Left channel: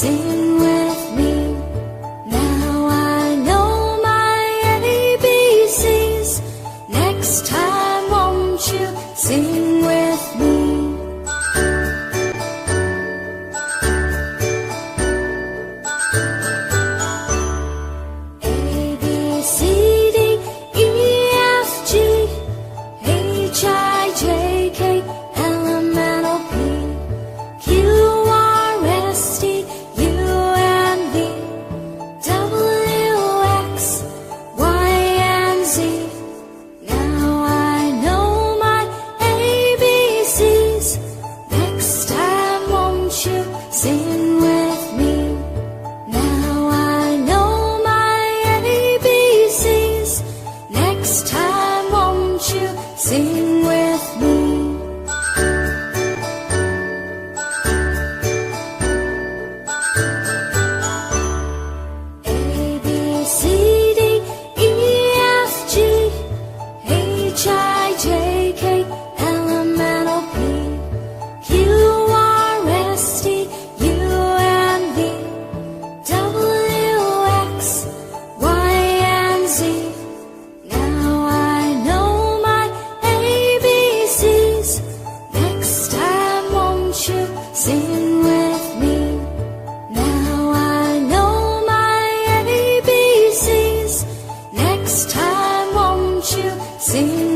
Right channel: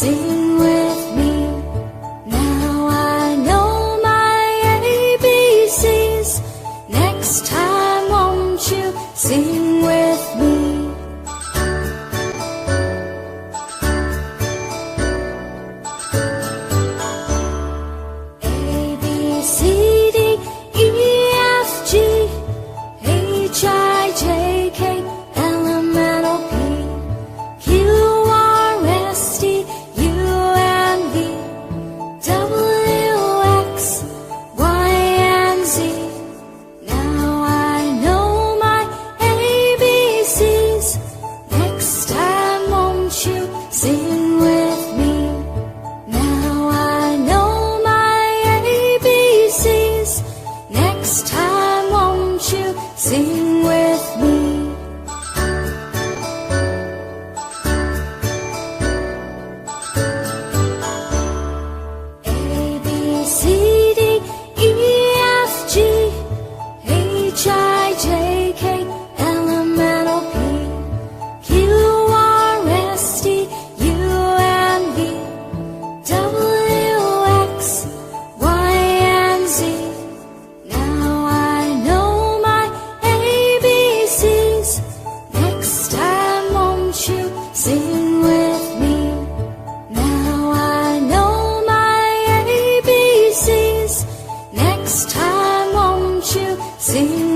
Sing with me. Now I know my ABCs. Next time won't you sing with me? A, B, C, D, E, F, G, H, I, J, K, L, M, N, O, P, Q, R, S, T, U, and V, W, X, Y, and Z. Now I know my ABCs. Next time won't you sing with me? Now I know my ABCs. Next time won't you sing with me? A, B, C, D, E, F, G, H, I, J, K, L, M, N, O, P, Q, R, S, T, U, and V, W, X, Y, and Z. Now I know my ABCs. Next time won't you sing with me? Now I know my ABCs. Next time won't you sing